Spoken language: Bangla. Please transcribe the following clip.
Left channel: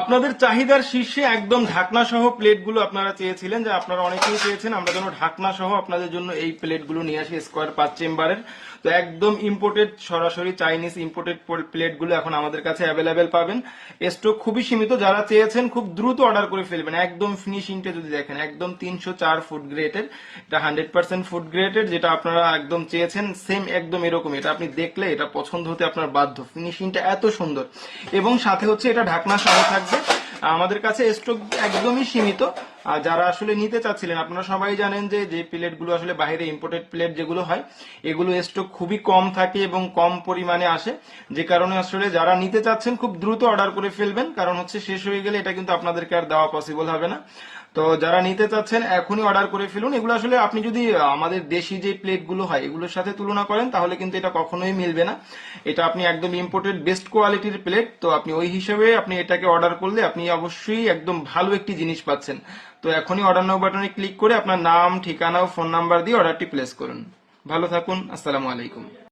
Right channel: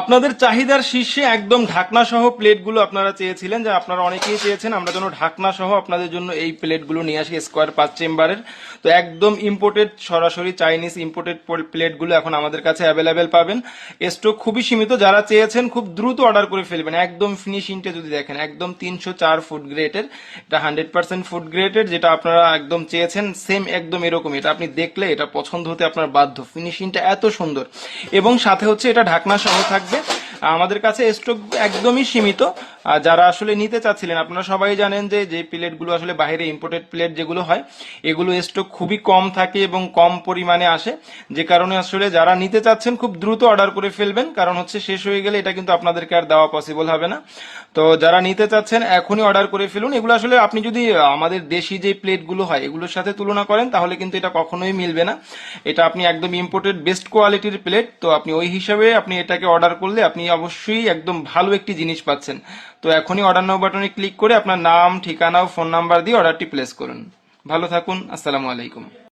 আপনাদের চাহিদার শীর্ষে একদম ঢাকনা সহ প্লেটগুলো আপনারা চেয়েছিলেন, যে আপনারা অনেকেই চেয়েছেন। আমরা যেন ঢাকনা সহ আপনাদের জন্য এই প্লেটগুলো নিয়ে আসি স্কোয়ার পাঁচ চেম্বারের। তো একদম ইম্পোর্টেড সরাসরি চাইনিজ ইম্পোর্টেড প্লেটগুলো এখন আমাদের কাছে অ্যাভেলেবেল পাবেন। স্টক খুবই সীমিত, যারা চেয়েছেন খুব দ্রুত অর্ডার করে ফেলবেন। একদম ফিনিশিংটা যদি দেখেন, একদম তিনশো চার ফুড গ্রেটের এটা হান্ড্রেড পার্সেন্ট ফুড গ্রেটের যেটা আপনারা একদম চেয়েছেন সেম একদম এরকমই। এটা আপনি দেখলে এটা পছন্দ হতে আপনার বাধ্য। ফিনিশিংটা এত সুন্দর। এবং সাথে হচ্ছে এটা ঢাকনা সহ থাকবে আমাদের কাছে স্টক একদমই সীমিত। যারা আসলে নিতে চাচ্ছিলেন, আপনারা সবাই জানেন যে যে প্লেটগুলো আসলে বাইরে ইম্পোর্টেড প্লেট যেগুলো হয়, এগুলো স্টক খুবই কম থাকে এবং কম পরিমাণে আসে। যে কারণে আসলে যারা নিতে চাচ্ছেন, খুব দ্রুত অর্ডার করে ফেলবেন। কারণ হচ্ছে শেষ হয়ে গেলে এটা কিন্তু আপনাদেরকে আর দেওয়া পসিবল হবে না। তো যারা নিতে চাচ্ছেন, এখনই অর্ডার করে ফেলুন। এগুলো আসলে আপনি যদি আমাদের দেশি যে প্লেটগুলো হয়, এগুলোর সাথে তুলনা করেন, তাহলে কিন্তু এটা কখনোই মিলবে না। এটা আপনি একদম ইম্পোর্টেড বেস্ট কোয়ালিটির প্লেট তো আপনি ওই হিসাবে আপনি এটাকে অর্ডার করলে আপনি অবশ্যই একদম ভালো একটি জিনিস পাচ্ছেন। তো এখনই অর্ডার নাও বাটনে ক্লিক করে আপনার নাম, ঠিকানা ও ফোন নাম্বার দিয়ে অর্ডারটি প্লেস করুন। ভালো থাকুন, আসসালামু আলাইকুম।